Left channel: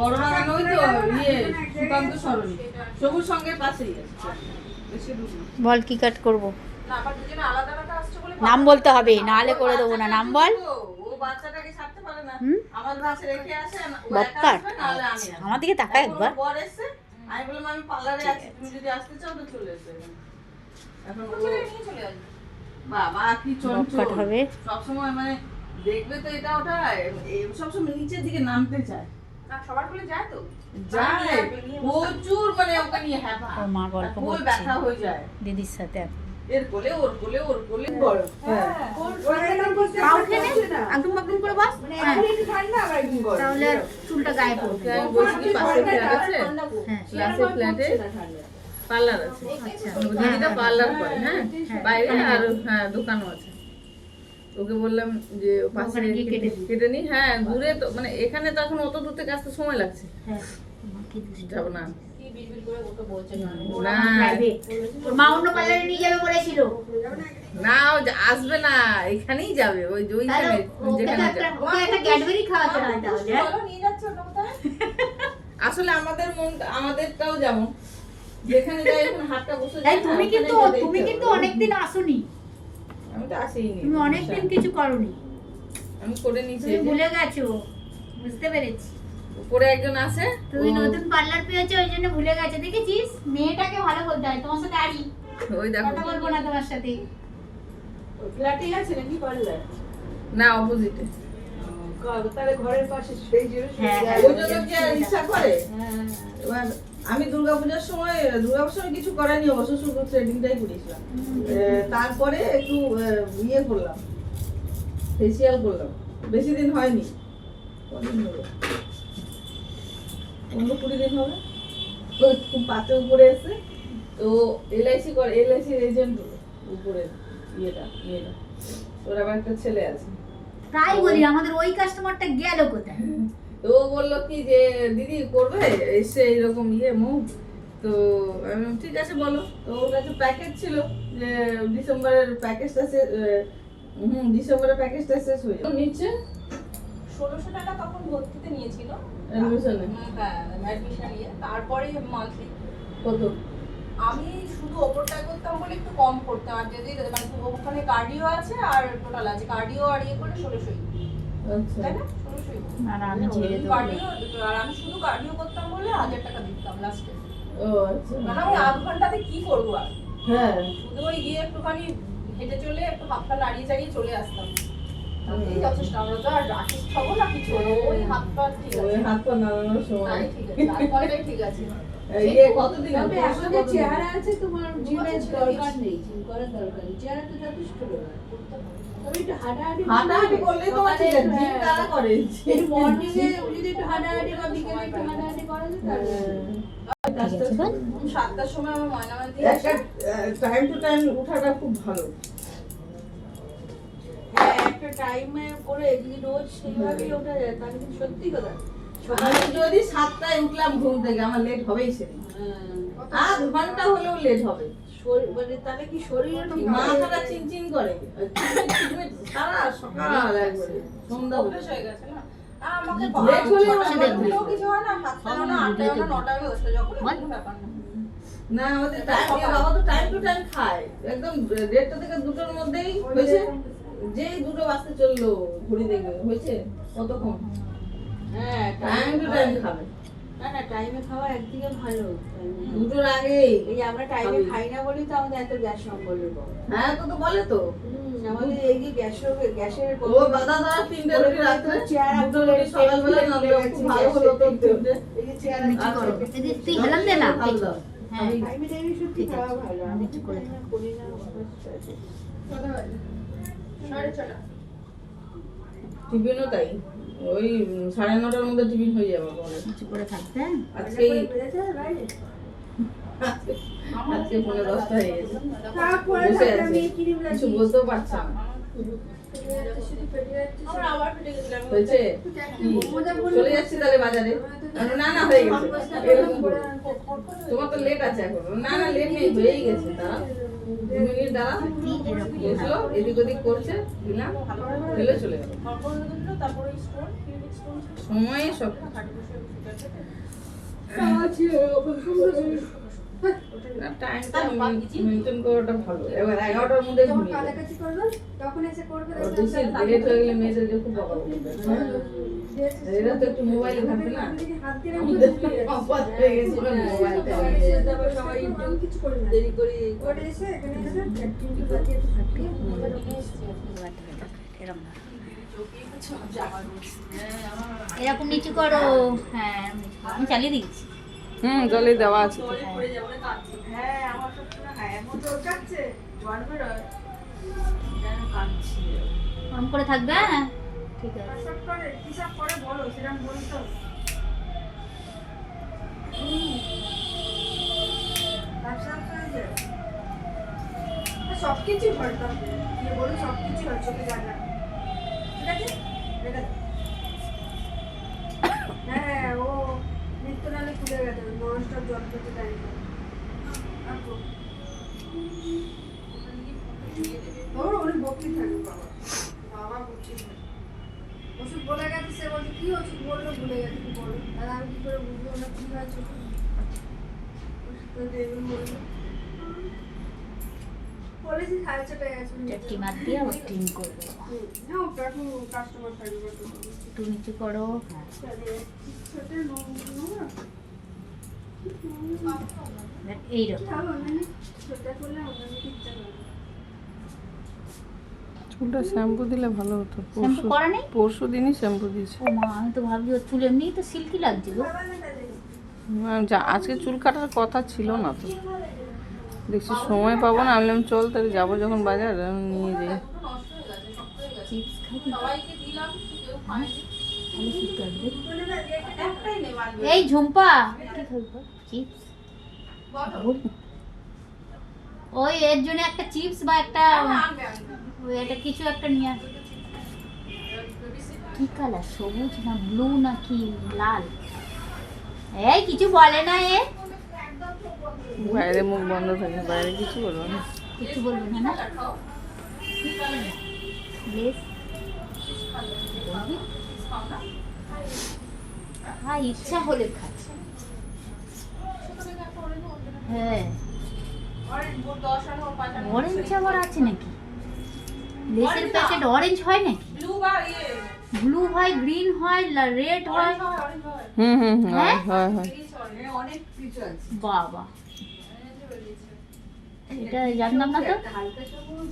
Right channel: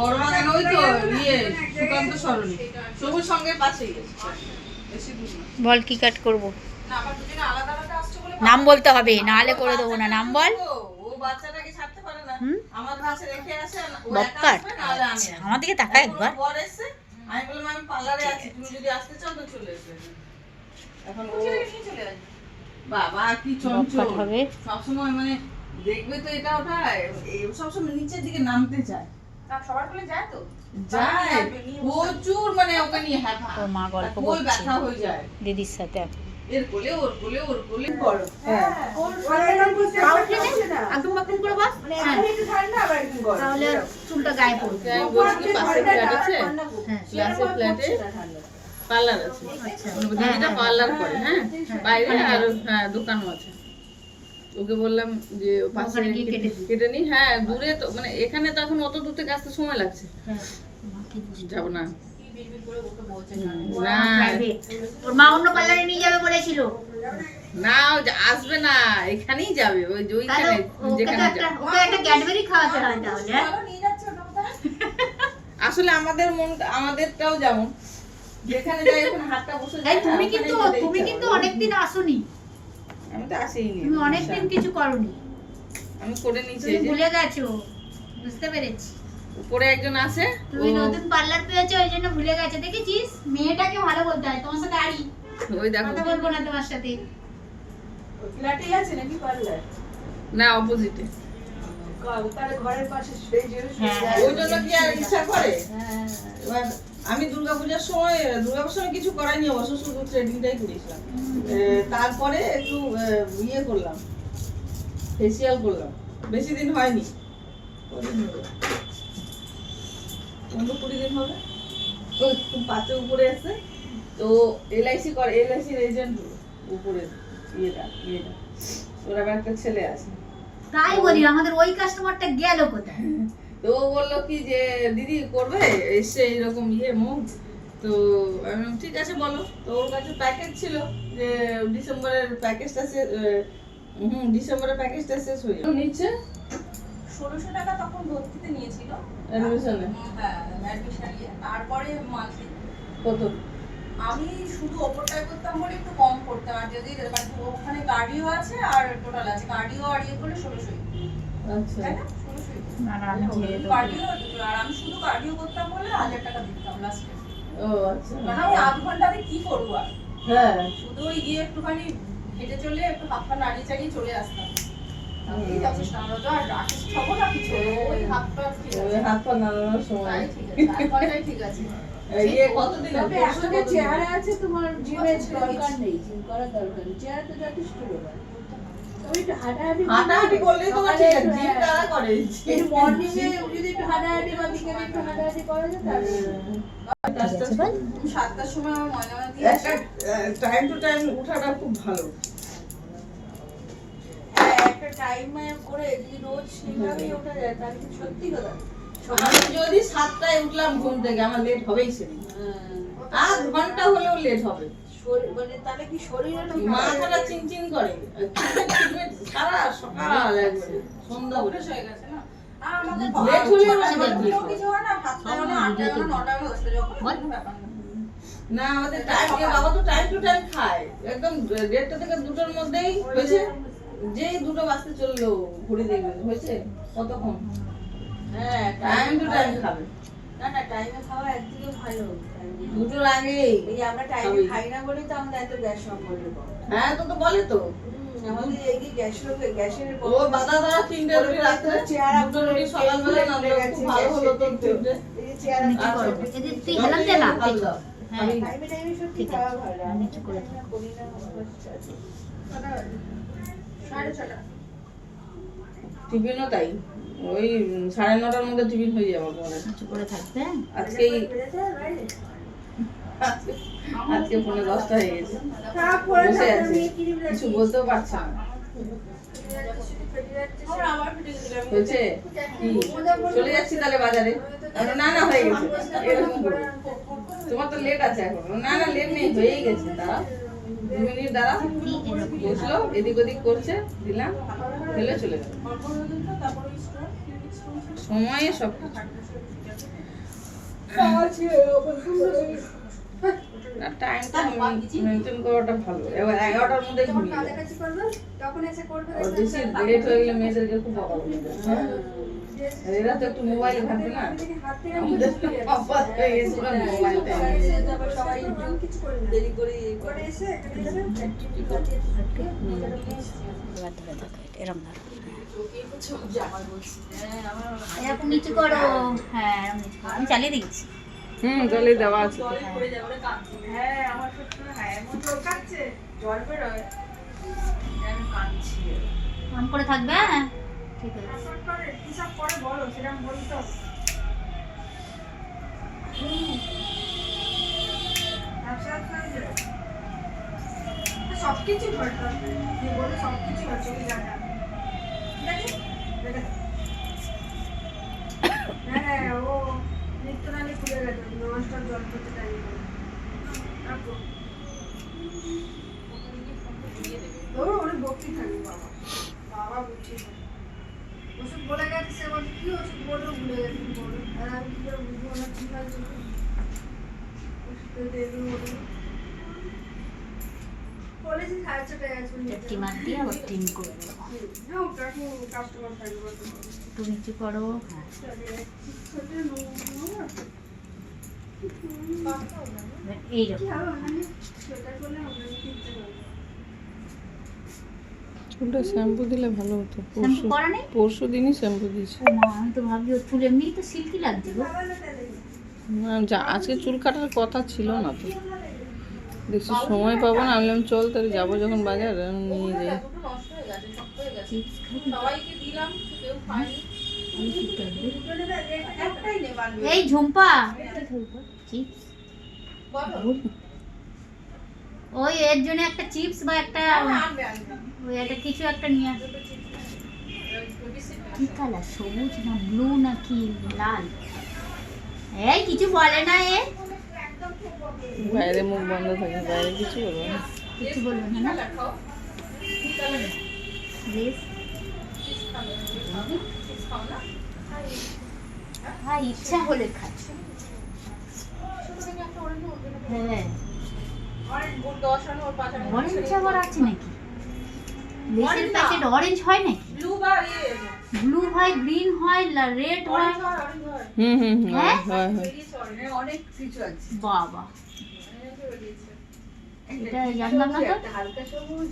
বড় বাগান ওই তো ইয়ে সুকান্ত সরণি সবুজ সঙ্গে পাশেই বেশি দূর না। বল কি কাট করব? না আবার দুজনে আলাদা আলাদা আসছে বলে নাম বলতে হবে, নাহলে করে দেবো না। নাম বল। ও বাচ্চাটাকে ছাড়তে পারে না। হুম? আমার কাছে রেখে আসে ও বব একা কাট। আসবে নাহলে আমি আসবো। আমার দিকে তাকা একবার। বর এসে আমি বললাম আমি পার্লারে আছি, তুমি যদি আসতে চাও তো চলে এসো। এখন ও নিয়ে চলে আসবে। বাবা কি বব চঞ্চল কাট হবে। সবসময় মানে দেখবে তো এটা ওটা সবসময় নিচের দিকে নামতে চায়। সবার কোলে যায় তো যায় প্রচুর, মানে ওকে নিয়ে হ্যাপা। ওর মা গল্প ওই করছে ব্যথা হয়ে যায় দিদির সাথে। এর কোলে ওর কোলে ওর কোলে বড়। হ্যাঁ পা উঠে নে, আঁটুম বাঁটুম করে বস। হ্যাঁ, তাহলে আর চুলটা গায়ে পড়বে। আমি বলছি কি পাশে ফ্ল্যাট আছে, হ্যাঁ, ক্লাসে ফ্ল্যাটে পার্লার আছে। আচ্ছা। দিদিটা পার্লার করে, হ্যাঁ বাইরে আর হ্যাঁ দোকানও আছে। ওকে বললাম যে পাশে ওখানে গিয়ে কেটে নি। হ্যাঁ দূরে তো, মানে এখানে তো এখন অত দূর থেকে আসতে সময় লাগছে। হ্যাঁ, মা কি দুষ্টু। যাব না কি বিড়বিড় করে ওকে বলছে না না প্রাইভেট। ওর মা অন্য পার্লারে নিয়ে যাবে বলেছিল। না ও আসবে না, এখানেই যাবে ওই যে তাহলে ওইখানে ওকে তো যেখানে একটা যাবে। ওকে একটা ক্যাডবেরি খাওয়াতে হবে তাহলে। হ্যাঁ? নিয়ে যাচ্ছে ওটা কোথায় আসলে আমাদের মন আমাদেরটাও যেমন যেখানে যাই এখন হাতটা বসে তাই যায় না, তুমি ওখানেই কিন্তু যেতে তুমি ইচ্ছা কিন্তু করে। অনেকদিন আসোনি। আমি তো আসিনি, তুমি অনেকদিন কিছু করোনি। আমি করে নিয়েছি। তুমি এই যে ভুলে গেছো, বুঝতে পেরেছি। উপরে একজন আছে, তুমি ও- নতুন পার্লার পেয়েছো ওই জন্য ভুলে গেছো। দেখেছিস, মেয়েটাকে ভালো বলতে হয়। তোমার সাথে আড়ি ওই দেখো কথা বলবো না তোমার সাথে। ফ্ল্যাটেই আছে নাকি পার্লার না অপোজিটে। তাহলে ঘরের পাশে সেই যে হ্যাঁ, হ্যাঁ। ওই জন্য কি আর ইচ্ছা করে। এবার আমি দুর্গাপূজার সময় কিছু করাইনি অবশ্য, শুধু থ্রেডিংটাই করেছিলাম। তারপরে একটু ইয়ে করলাম, ফেসিয়াল করলাম, বেশি দিন হয়নি। কদিন হলো? 15-20 দিন হবে। ওই খুব পাতে উপরে এসে তো এলআইসি করে, এলআইসির এজেন্ট উপরে ইয়েটা ওর আবার একটা ছেলে আছে। তাই বলি আমাদের ওই কাস্টমারটা গেল কোথায়? তো ও বললো কি যে দিদি করবে এসে এরকম ইয়ে মুখ, তো আমি বললাম, ঠিক আছে বলো। তো ওর কাছে প্যাকেজ ছিল যে ডিসেম্বরের প্যাকেজটা শেষ হয়ে যাবে। নিচ্ছে 1600 টাকা তখন ভর্তিতে নিয়েছিল অ্যাডমিশনে হ্যাঁ অ্যাডমিশন নিয়ে তারপরে মান্থলি কত? আমি শুধু ওপরটায় করতাম বলে একটু কম করতাম, আর যদি মানে ওখানে কার্ডিও আছে আর টোটাল আছে, কার্ডিও আর ইয়ে করলে 1600 আচ্ছা তাই না 1600 না না, আমি ছেড়ে দেবো। কার্ডিও, আর আমি শুধু কার্ডিও করতাম বলে 1000 টাকা দিতাম লাস্টে। ও আচ্ছা মানে আমি আধ ঘন্টাতে কি করবো আর, হ্যাঁ শুধু ওই গিয়ে একটুখানি হেঁটে চলে একটু হাত পা নাড়িয়ে চাড়িয়ে চলে আসতাম। এই যথেষ্ট, আমরা তো আর রাকেশ খাবো না কিছু, ওই হাত পা ঠিক ওই আছে, হাত পা নাড়ানোর সময় তাই ঠিক আছে, আধ ঘন্টায় ঠিক আছে। ইয়ে কতদিন তবে এখন যে চেহারা আছে তোমার জিমের ছেড়ে দরকার দিয়েছি। নেই, জিম করার দরকার নেই, চেহারা তো যথেষ্ট দরকার। তবে একটু হাঁটাহাঁটি হাঁটাহাঁটি করলেই তোমার ঠিক আছে। জিম কারা করে? একটু মর্নিং এ যদি একটু হাঁটাহাঁটি বা বিকেলে একটু হাঁটাহাঁটি করা যায় তাহলে ঠিক আছে বল। 7টার সময় আমার ময়না দিয়ে একটা টাইম টু টাইম উঠাটা খুব ভালো। হ্যাঁ একটা টাইমে করে যদি রোজ সেইভাবেই ওঠা যায় তাহলে কিন্তু সত্যি কথা আমি যদি 7টায় উঠলাম ঘুম থেকে, আমার লেট হবেই সেদিন। আধ ঘন্টা হলেও লেট হবে। মানে তাহলে কি শরীরও ঠিক মাথাটা চিনচিন করে সারা সকাল একবারে সন্ধ্যা অভ্যেস হয়ে গেছে না। আর আমাদের লেট হলে কিছু হয় না, 7টা না 8টা না 9টা হলে বসতে যখন কোনো ব্যাপার না। না আমাদের টাইম, বাবা তো টাইম টু টাইম খায় একদম 1:30 থেকে 2টোর মধ্যেই হয়েছে। যে 2টো বাজতে চললো ঘুরে দেখবে হয়েছে কতক্ষণ। হ্যাঁ টাইম টু টাইম খাবে, না না টাইমে খাওয়া একদিকে ভালো। 2টোর আগেই। এই যে আমরা টাইমে খাই না বলেই তো আমাদের এত গ্যাস সম্বলের প্রবলেম। হ্যাঁ তো বলে তো আমাদের এই যে গ্যাসের ও দাদা দাদা 3টে রুটি রাত্রে, 2টো রুটি সকালবেলা না দিলে খুব ভালো হলো তো 3টে। এই যে চেহারা নিচু করো। এদের তুই হেলান দে না। হ্যাঁ, টাইমে টাইমে সত্যি ঠিক আছে। খাওয়া ভালো। আমি নিচু করে আমরা করি না হচ্ছে। 6:30 টিফিনও তাই, ওই 9:30টার মধ্যে টিফিন হয়ে যাবে তোমাদের। নিচু করে থাকবে। আজকেই আজকে 9:10 হয়ে গেছে, বসে আছে কিছু বলতেও পারছে না। আমরা আবার ফিরে গেছিলাম। হয়েছে কি চলে যাচ্ছি তাহলে বাজারে? আমি, না না হয়ে গেছে এরকম করে। তোমার তো লেট আছে এখন। না না লেট নেই, হয়েই গেছে। দাঁড়া 2 মিনিট দাঁড়া। কি এরকম বসলো এদিক ওদিক করছে, দিলাম ফেলে চলে গেল। তারপর ওই স্টোন সময়ে সব না, টাইমটা মেনটেন করাটা ভালো। এবার 11টার মধ্যে ঘুমিয়ে যায়। আর বেশি লেট হয়ে গেলে মেয়েদেরকে খুব বকা বলে দেয়। এরা তো একটু মোবাইলে ঘাঁটে না, আমাদের অভ্যাস হয়ে গেছে মোবাইলটা সবাই দেরি করে এসে এখানে এরকম এরকম নিচু করো। হ্যাঁ এরকম নিচু করো। আমি চালিয়ে দিচ্ছি। জলে দেওয়া আছে তো। হ্যাঁ আমার সবসময় হ্যাঁ এমন জল কাটছে জল বেরোয় কাটছে কম করে থাকবে। হ্যাঁ ঠিক আছে। সব করে কি সব করে বলো সেরকম বলতো সবকিছু ভয় করবে যে বলে সবকিছু হচ্ছে কি জানা ঠিক আছে হ্যাঁ ও নিত্য নালে খুলে গেছে ননস্টপ জল করতে টাইম ওর অনেক ভক্তি থাকে বাবা বাবা ভক্তি থাকে ওষুধ বলে গেছে সে বলছে কি ওষুধ বললো ভুলে গেছে কি বলো আর আমি কি করে বুঝবো না কি হয়েছে ওষুধ তো দেবে বললো বলেছি সাড়ে ছটায় আসবেন একটি মার দিয়ে আবার টিম করে দেবো। না ওটা এখন কাস্টমার থাকবে একটু নিচু করো। হ্যাঁ এইরকম। চুলটা শ্যাম্পু দিলে ভালো হতো। শ্যাম্পু করা নেই? পরশু দিনই শ্যাম্পু দিয়েছি। ও মা, আমি তো ভাবছি ওর চুল এমনিই তো সিল্কি লাগছে গো। আজকে চুল কাটার কথা ছিল না তো, বেশি সময় পাবো না। আমি বললাম চল তাহলে যাবো যখন বাজার নিয়ে যাই। চিপস খাবি? সবাইকে দিলাম, কেউ খায়নি। ভালো খেতে হবে। একটাই নে বাড়বে। এই ঝুম্পা কি খাবি বল? চিপস? বলো। ওই এর জন্য একটা চিপস বা একটা আনবে। ওই একটা কিছু একটা নিয়ে আস। কি কালার? সবুজ না ব্লু নাকি লাল? এই কিছু বলে না এ? বাইরে মুখ বন্ধ থাকে, বাইরে কিছু বলবো না। কিছু বলবে না না? প্লিজ হ্যাঁ ইচ্ছা হলে খাচ্ছ। হ্যাঁ অরেঞ্জ আবার আছে নাকি? লেসের প্যাকেট অরেঞ্জ হয় নাকি? ব্লু বা ইয়ে ব্লু হয়, গ্রিন হয়, রেড হয়। হয় হ্যাঁ? হয়। অনেক কিছু আছে বাবা এটা জানতাম না তো। হালকা সবুজ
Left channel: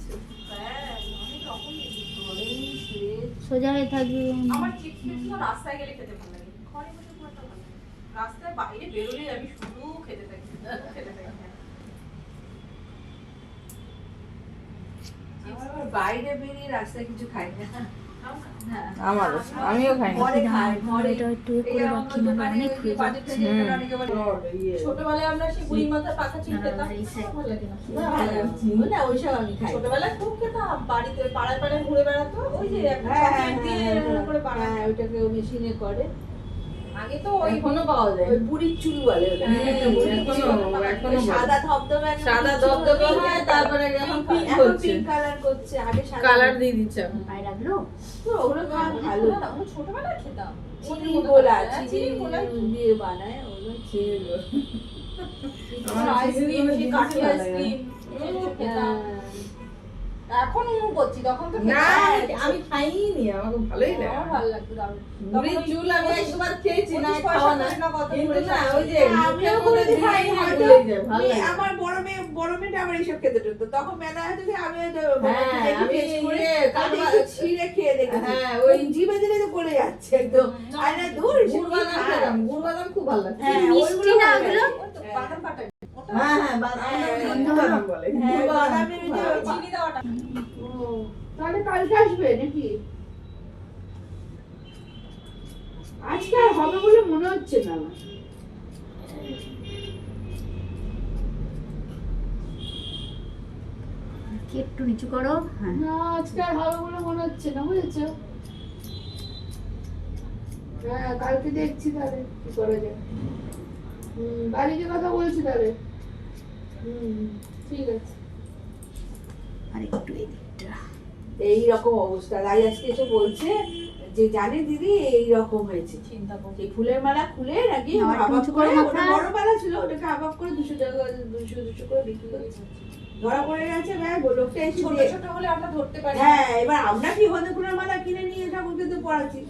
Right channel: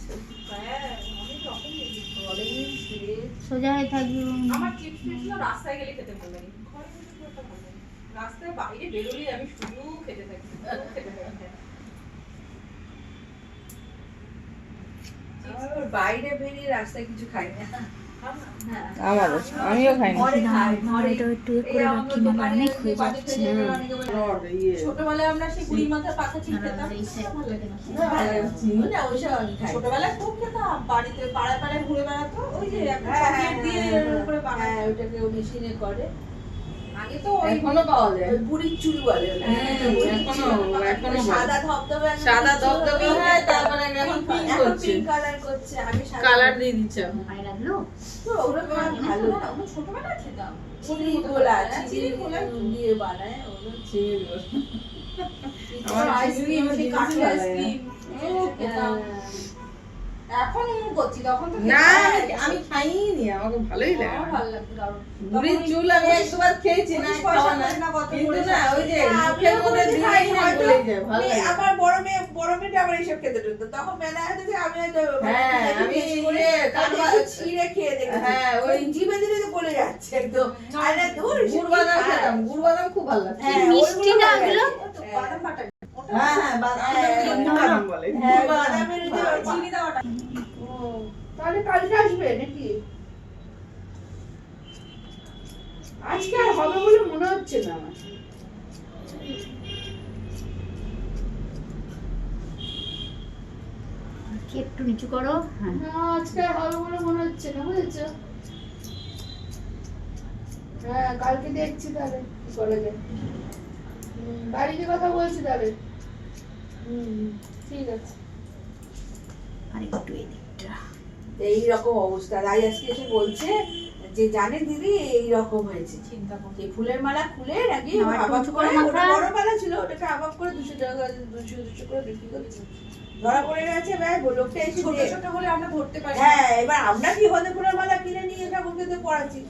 হ্যাঁ অনেক রকম বেরিয়েছে। অরেঞ্জ রেড সোজা হয়ে থাকবে। আমার চিপস গুলো রাস্তায় গেলে খেতে ভালো লাগে, ঘরে বসে খুব একটা ভালো লাগে না। রাস্তায় বাইরে বেরোলেই আমি শুধু খেতে থাকি খেতে থাকি। আমার বাইরে বেরিয়ে রাস্তায় কিছু খাই না আমারও, আমিও খাই না। ঘরে খাই ঘরে এটা একটু এ করে রাখি না, অনেক হয়ে যাচ্ছে। ছোটবেলায় আমরা সেই গুড়ি মাথার পাতা চিনি খেতাম, আর এই side ভালো লাগে। চিনি না ওইসব আমি খাই ছোটবেলায় খুব খেতাম, বাড়িতে পাড়ায় পাড়ায় ঘুরে বেড়াতো, ওই যে একটা চকলেট দিয়ে এরকম করে হ্যাঁ বানাতো। ওইটাকে ও মেশিনে করে আগে তো ওই এখনো পাওয়া যায়। ওই বুড়ির চুল বলে ওটা। এখনো সাদা ধবধবে একটা সাদা চুল দবদবে হয়ে হয়, যায়, তারপরে এখন পিঙ্ক এখন করছে, পিঙ্ক কালার করছে আগে সাদা কালার দিয়ে দিচ্ছে এখন। পায়ে লাগলো। ওগুলো ভালো আমরা ছোটবেলায় খেতাম। চিনি গোলা চিনি গোলা দিয়ে বানায় ওগুলো চিনি গোলা আমার আইসক্রিম, চিনি সেই গোলা কাঠি জিনিস আইসক্রিম খেতাম। এখন করছি, তখন তো না খেতাম। আমি খাইনি, আমাকে ভালোই লাগে। আমার ভালো লাগতো দারুণ। বুড়ির চুল আমি একবার খেয়েছি, না পয়সা খাওয়া না, পাই না কত কিন্তু করে না ওই যে আমিও মুখের মধ্যে কোনোদিন দিলেই খাইনি না হয়তো। গলে যায়, ভালো আমি লাগে। আমার বড় মেয়েটা আমার এইসব খেতে ঢুকতো তখন মেলা হয়তো যে আমি হয়তো হ্যাঁ, আমি ইয়ে কাঠবা- ছিঁড়ে খেয়ে দেখি হ্যাঁ, ওই ওই জিভে দিলে তো গলে যাচ্ছে একদম আর না দূর গুড় বাদাম খেতাম, গুড় বাদাম খুব ভালো লাগে। কি মিষ্টি না ওগুলো? বাদাম ফাটাই। হ্যাঁ হ্যাঁ, বাদাম হ্যাঁ, গুড় বাদাম বলে। হ্যাঁ, গুড় বাদাম বাদামের ওই যে ভালো। চিনি দেওয়াটা। তাহলে কালকে আসবে নাকি আজকে আর হবে বলে মনে হচ্ছে না কি একটু নিচু করো। হ্যাঁ না আজকে আর হবে বলে মনে হচ্ছে না বুঝেছো হ্যাঁ কালকে দেখছি তাহলে কি করা যায় বাড়িতে কথা বলছি তাহলে ঠিক আছে আর একটু এই দিকটা। এই রকম অবস্থা রাই আজকে এসে বলছে যে জানে দিদি এইরকম হয়েছে, চিন্তা করছি এই ফুলের মালা খুলে নাকি আবার একটু আবাব উঁচু করে, করে ওটা মাথা। বড় মালা ছিল, ওটাকে আবাব করে 200 টাকা 200 করে বিক্রি করছে। ধরা পড়ে গেছে ব্যাগ, লোকটা এসে ছোট দিয়ে- ছোট হলে আমরা ধরতে পারি হ্যাঁ, এবার আমরা কি হতে ফুলের মালা কিনে নিয়ে ঠাকুরকে দিয়ে পড়াচ্ছি।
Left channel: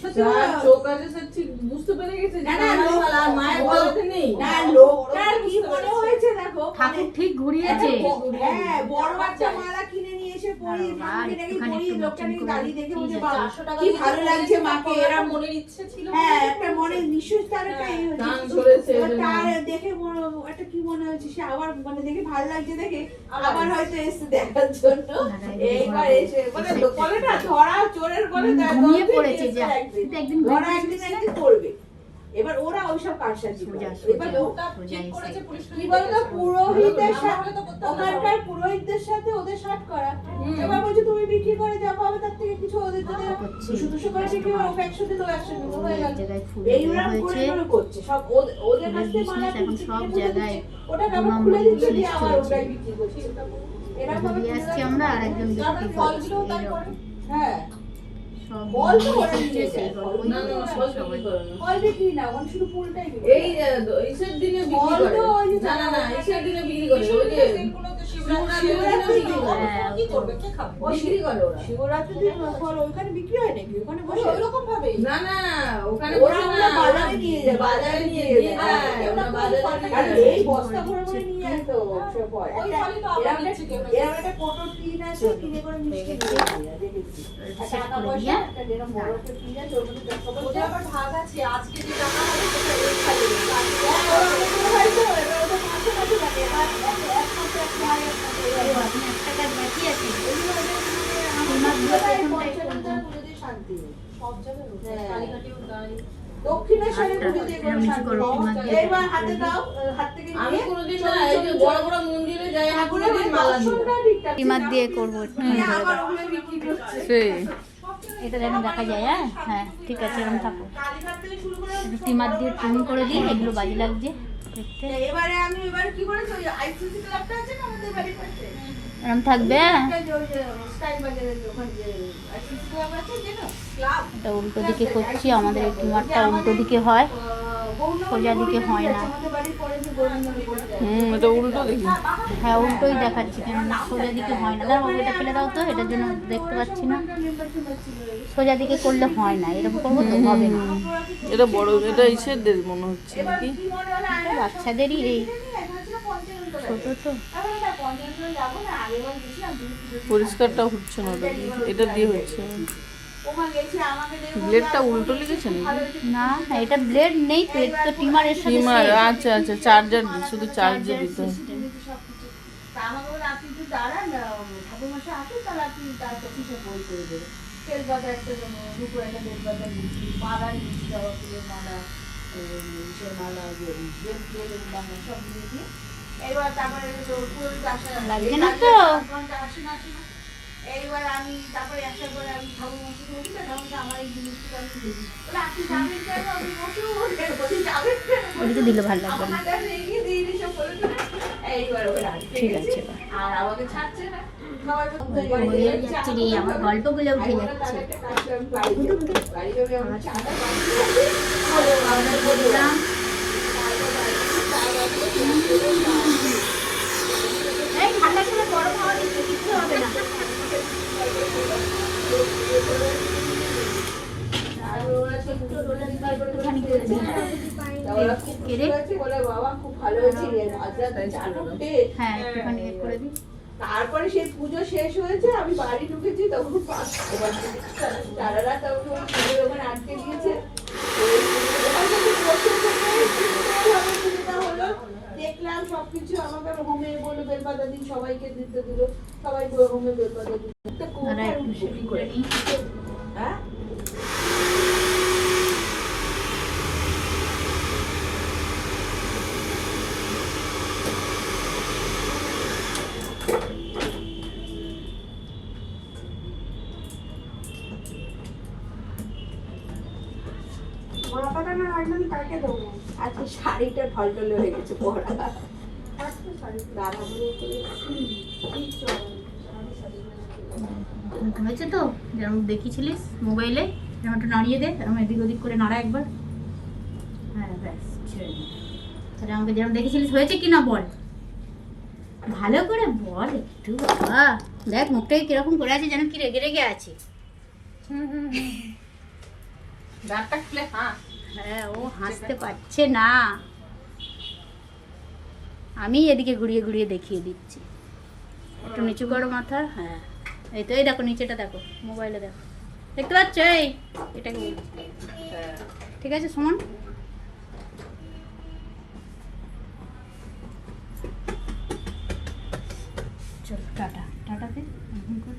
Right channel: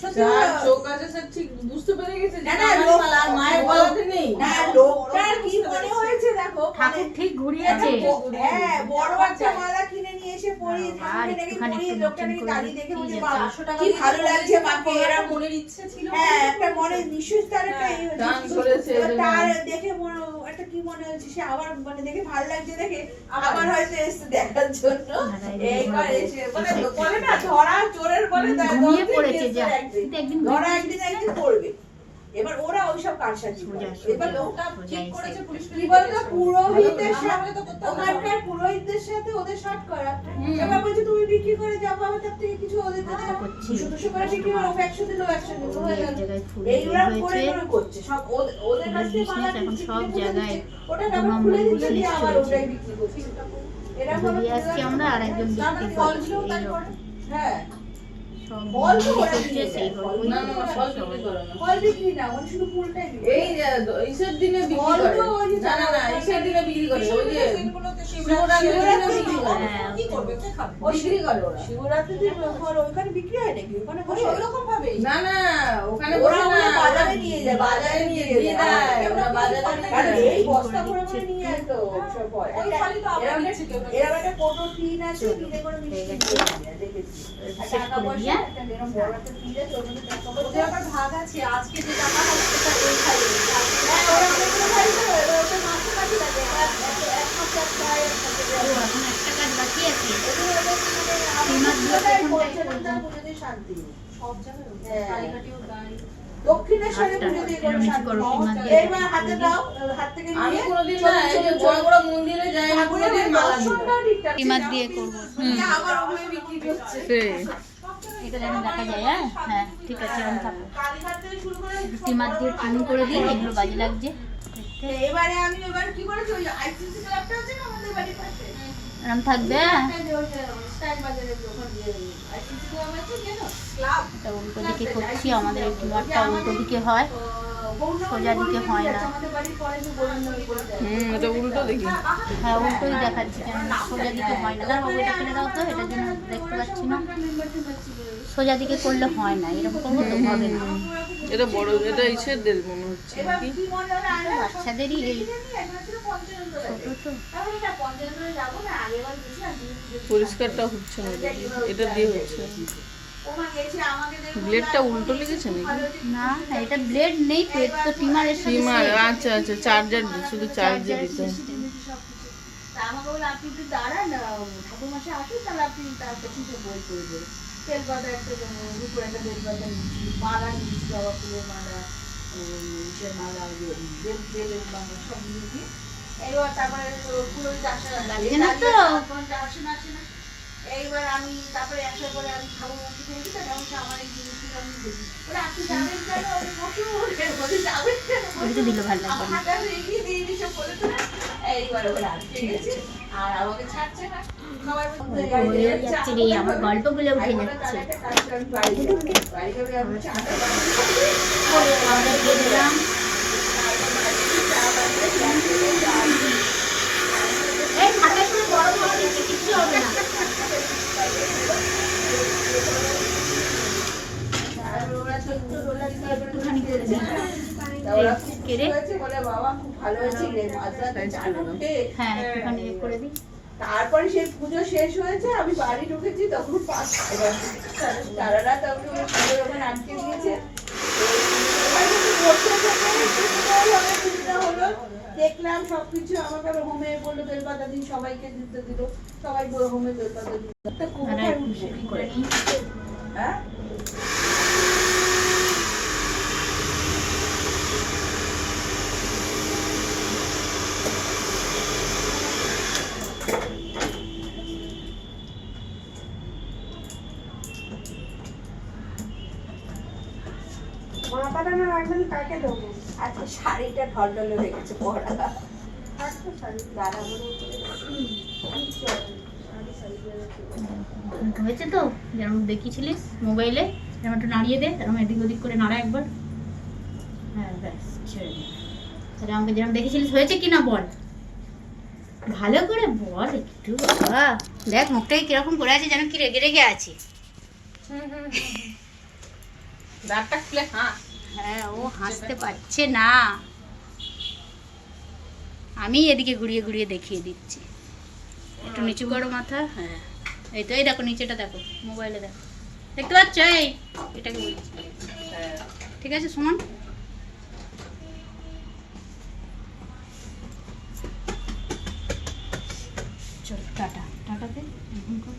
সত্যি যার কথা। চোখ আছে সে ঠিক বুঝতে পেরে গেছে যে না, না, কানারি লোক- মালা আর মায়ের গলাতে নেই। না, লোকটার কি মনে হয়েছে দেখো, ঠাকুর ঠিক ঘুরিয়েছে। হ্যাঁ, বড় একটা মালা কিনে নিয়ে এসে পরিয়ে বাবা, ঠাকুরকে নাকি একটুখানি পরিয়ে, একটু লোকটা নতুন নাকি করে গালি দেখে বলছে, দিয়েছে। বাহ, 500 টাকা কি ভালো লাগছে মাকে, এরা এরকম। মনের ইচ্ছে ছিল হ্যাঁ, একটা মনে নিশ্চয়ই তার একটা হ্যাঁ, ইয়ে টান হয়েছে। ধরেছে এবার এই জন্য। তার দেখে একটা কি মনে হয়েছে, সে আবার মানে দেখে ভালো লাগছে দেখে আবার হয়তো এসে দেখার জন্য এইবার এসে মানে বলে না ধরা চোরের বলে ঘুমিয়ে পড়েছে যা, কিন্তু একদিন ধরা একদিন একদিন পড়বে। এবার ওরা ওইসব কারসাজি সোজা, করে। সোজা। এবার ওটা সোজা ঠিক করেছে এসে। পুলিশ কি বলতো, পুরোহিতের আমরা সাথে হলে তো করতে পারতাম না। ওখানকার পুরোহিতদের সাথে ওদের শর্ট করা। এবার বলছে তুমি বিক্রি করে যা পাবে তার থেকে কিছু ওদের যদি করছি। 200 করে বিক্রি করো, 100 দিলো 100 দিলো হয়ে এক গেল। জায়গায় ফুল এইগুলো বের করে হয়েছে। করে করছে সব ওদের কাছ থেকে মালা business এখন কিনছে, সব কিনে জায়গায় দিচ্ছে, ওটাকে দু আবার নম্বর খুলে দিচ্ছে, দিয়ে business আবার চলছে। ওটাই বিক্রি করছে। এরকম ভাবে ঘুরিয়ে আসছি আমরা আর একজন বিক্রি করছি এইরকম। হ্যাঁ, সব ফল তো ওরা চলছে নিয়ে সেই যায়, গল্পই না, না, না, ফল বিক্রি করে না। ফল বিক্রি না, ওখানে শুধু ফুলটাই বিক্রি এই ইসের দিনে বিক্রি ফল করে। তো ওই যে না, না, না, ইসের দিনে বিক্রি করে। ওই যে শিবরাত্রির দিনে বিক্রি করে। কি করবে কে খাবে বিক্রি করে ওরা। শিবরাত্রির দিন ফল ওখানে বিক্রি হয় নাকি? ওখানে বসে ওই রকম ভাবেই না, না, ওখানে ওরা বসে ওরা না, বাজারে নিয়ে যায়, বাজারে নিয়ে দিয়ে দিয়ে দেয়। দেয়। ওরা বাজারে নিয়ে কারণ যায়। এই বস্তা ভরে ভরে নিয়ে যায় তো সব ফল। ওই ফলই তো আবার এরকম নিচ্ছে কেউ না একটা- এরকম একটা কোটো টিন আছে, টিনে করে মিষ্টি দিয়ে দেয়, দেখেছি। সেট টাকা করে পয়সা, দিয়ে একটা এরকম বড় একটা টিন আছে, ওর মধ্যে টাকা পয়সা। ওদের আবার ভাগ আছে আজকে যে টাকা হবে সেটা ওই খাইয়ে দেবে। হ্যাঁ, ওরা অনেক করে খাইতো, এবার ওদের মাংস কাছে থাকে, এবার এক সপ্তাহ খায়, এক সপ্তাহ ও, এখন একটা কাজ বাকি আছে। এগুলো ওদের মানে সীমার দিয়ে আমাদের প্রথমটাই পঞ্চরঞ্জা করবো। পুজোতে শান্তি নেই। সব জায়গায় ওই। হ্যাঁ। কালীঘাটেও তাই। দক্ষিণেশ্বরে আটটা, পুজোতে এরম নিচু করো, সীমার দিয়ে এবার হাতে দাও, হাত থেকে আমি নিয়ে কোনোদিন না এই যে বড় বড় মন্দিরে যাই না, কোনোদিন মালা দিই না। সীমার দিয়ে করবো। আবার ওগুলো বিক্রি করছে। এটা যেন দেখা যায়। হ্যাঁ হ্যাঁ, ঠিক আছে, এরকম থাকো। কালীঘাট থেকে শুরু করে টিমার দিয়ে ট্রিম করে দিই, এগুলো বাজে লাগছে দেখতে। এবারে আমি এবার কি করেছি, ওই আইসিসি ক্লাবটা আছে না আমাদের বাড়ির পাশে, এরকম থাকবে। একটা যে ওই যে স্টাইল বাজারের ওখানে যে আইসিসি ক্লাব আছে জানো, ক্লাব এটা উল্টো দিকে করছি, আমাদের এই টিমারটা উল্টো দিকে হয়, সোজা দিকে হয় না। আমাদের বাড়ির পরে যে গোবিন্দনগর যায়। এটা উল্টো দেখি। হ্যাঁ, উল্টোই দেখাচ্ছি, কেন সোজা দিকে হয় না। দাঁড়াও, এটা ফেলে দাও তো, এটার জন্য দেখতে পাচ্ছি না। সোজা দিকে করলে হয় না, এরকম করবো তো হবে না। এটা বড়, এটা ইসের দেশ মনে হচ্ছে এবার নাকি? কি মনে হলো, আরে বাচ্চাদেরই এই এখানে ছিল পঞ্চানন ছোট তো। তাহলে এটা পঞ্চানন যাবো না, আগেবার গেছি না, পরিষ্কারটা হচ্ছে না ওটা দিয়ে। এটা দিয়ে হচ্ছে। ওখানে গেছি, আমাকে দেখে ব্লেডটা উল্টো লেগেছে নাকি? না, এটা ব্লেড নেই তো, এটা তো টিমারের সাথে সীমার, same। আচ্ছা আচ্ছা, চার্জার দিই, শুধু চার্জে দিতে হয়। তা আমাকে বলে আপনি একটু দাঁড়ান, ঠাকুরমশাই আসুন, তাহলে আপনি তার কাছে সব বই করে দেবেন। বেলপাতা একটা দুটো একটা বেলপাতা নিচ্ছি, মালা নিচ্ছি, জবা ফুলের মালা, ইসের মালা, বেলের মালা সব নিয়ে দিয়ে এবার তারপরে পুরোহিত আসা লাগছে না তো? আসে না। এইবার আমি তারপরে একটা করে আমি ঠাকুরমশাই বলি, ঠাকুরমশাই আমার এই জিনিসটা আমি দিই। বলে আপনি যাবেন কেন? আমি বসেও বললেন, বলি যাবেন কেন? এটা দিলে ভালো লাগবে আমার না। হাতে আমি এগিয়ে দিয়ে দিয়েছে বলে তো, এইবার ওরা আটকে গেছে, আর আমাকে ছাড়ছে না। খাবার হয়ে যাচ্ছে রে, আমার গল্পগুলো উঠে যাচ্ছে। আমরা বললাম এই ঠান্ডার সময় গরম হাওয়া দিচ্ছে, কিচ্ছু হবে না। একটুখানি করে দিই। কেড়ে? হ্যাঁ, একটুখানি এ করে দিই। তারপরে সেই পুজো শেষ হয়েছে, আমি বাড়ি ঢুকেছি, তখন 5টা বাজে। সারা রাত আমি ওই পুজোর ওখানে আটকে দিয়েছে। সুবিধা হলো, দেখলাম সবকিছু, আমাকে আবার হোমে বললো বেলপাতা দিন, সবাইকে দিতে দিল, সবাই হোমে বেলপাতা দিল। আর একটু শেষ করে নিই। হ্যাঁ, আজকে শাড়িটা ঢলঢল হয়ে গেছে পরা। দাদা বলে হয়েছে তো, যেমন দেখিয়েছিলিস মোবাইলে। এরকম একটু নাড়িয়ে দে, এরকম এদিক ওদিক করে নাড়া একবার। হ্যাঁ ব্যাস, ছেড়ে দে। তাহলে আমাকে যেরকম দেখেছিলিস হয়েছে কি না বল, ভালো করে বল একটু বাবা। দেখ মুখটাকে কিরকম করে আছে, যেন কি রেগে রেগে আছে। ব্যাগটা খুলে হ্যাঁ, ও হাসতে পারছে না, আমি এদিকে ঘুরিয়ে ঘুরিয়ে দেখিয়ে দিচ্ছি। একটু নিচু করো মাথা। হ্যাঁ এই তো, এই দেখো নিচেটা দেখো, মোবাইলে দেখো, দেখতে পাচ্ছ? এই এটাকে বলছি, ঠিক আছে সমান। চল টাটা, টাটাতে এখন কর।